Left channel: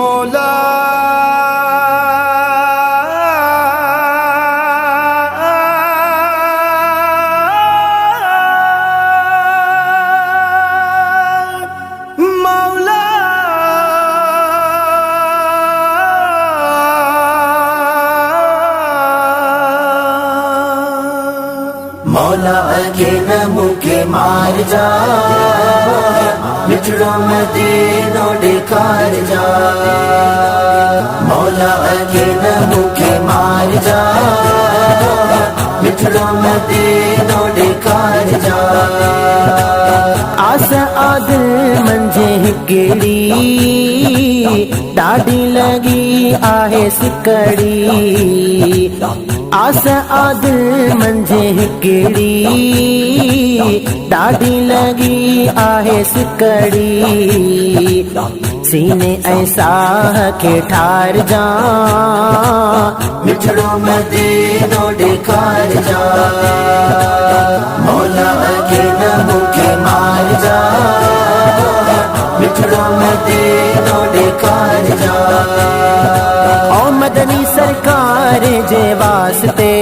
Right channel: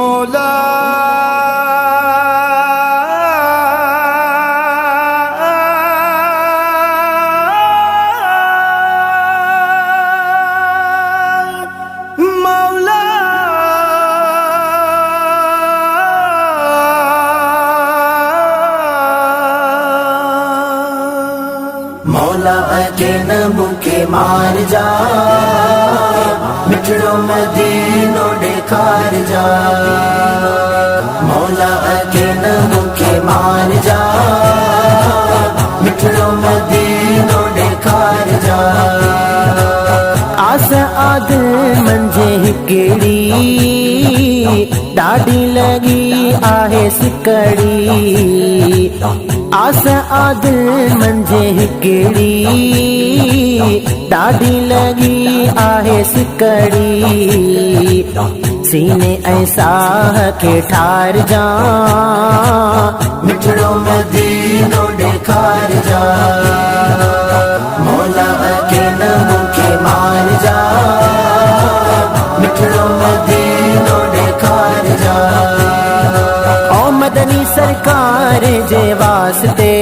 मौला मौला अगे न मुके मार जा, मिठड़ो मदीनो दिखार जा। मौला अगे न मुके मार जा, मिठड़ो मदीनो दिखार जा। आस आदिल मंझे हिकड़ी ॾाढी लगी आहे सिकड़ी। आस आदिल मंझे हिकड़ी ॾाढी लगी आहे सिकड़ी। सीने ऐं साह खे ठार जा, मिठड़ो मदीनो ॾेखार जा। मौला अगे न मुके मार जा, मिठड़ो मदीनो ॾेखार जा। ओ मदनी सरकार जे वास्ते,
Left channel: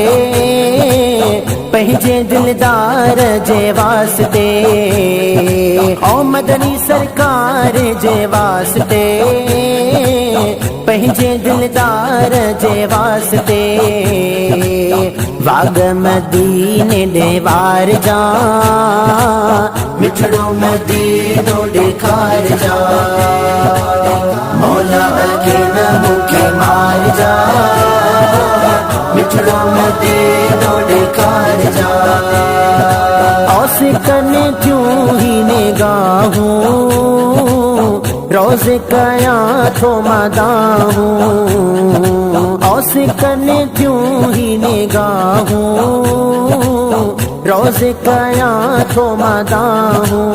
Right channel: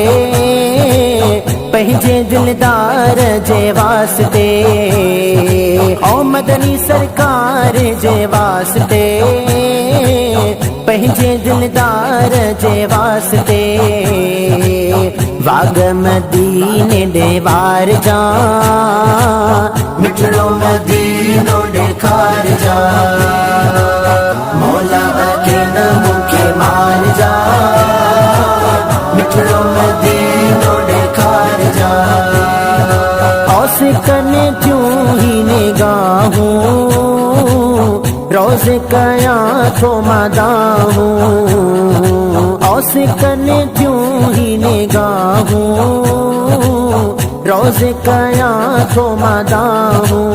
पंहिंजे दिलदार जे वास्ते। ओ मदनी सरकार जे वास्ते, पंहिंजे दिलदार जे वास्ते। वाग मदीने ॾे वार जा, मिठड़ो मदीनो ॾेखार जा। मौला अगे न मुके मार जा, मिठड़ो मदीनो ॾेखार जा। औस कने क्यों ही निगाहूं, रोज़ कया थो मदाहूं। औस कने क्यों ही निगाहूं, रोज़ कया थो मदाहूं।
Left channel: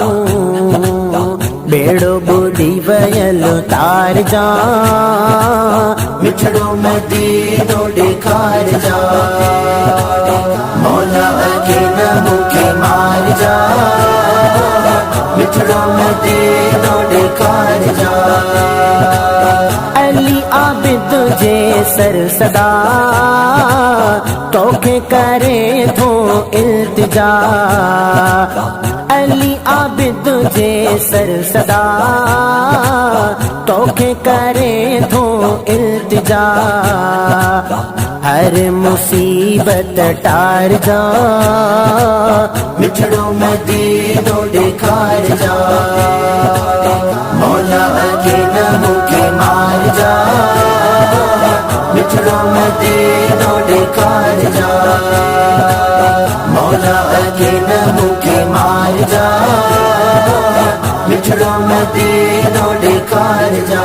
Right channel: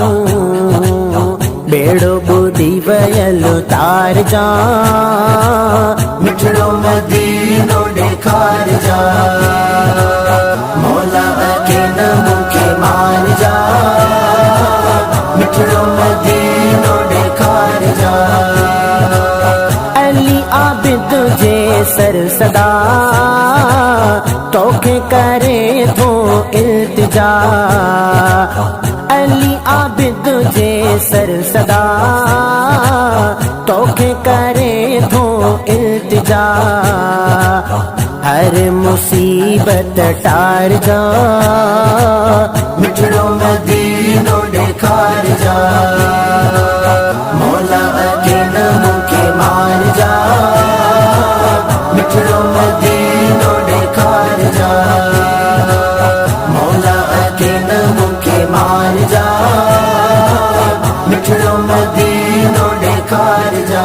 बेड़ो बुधी वयल तार जा, मिठड़ो मदीनो ॾेखार जा। मौला अगे न मुके मार जा, मिठड़ो मदीनो ॾेखार जा। अली आबिद जे सर सदा, तोखे करे थो इल्तिजा। अली आबिद जे सर सदा, तोखे करे थो इल्तिजा। हर मुसीबत टार जा, मिठड़ो मदीनो ॾेखार जा। मौला अगे न मुके मार जा, मिठड़ो मदीनो ॾेखार जा। मौला अगे न मुके मार जा, मिठड़ो मदीनो ॾेखार जा।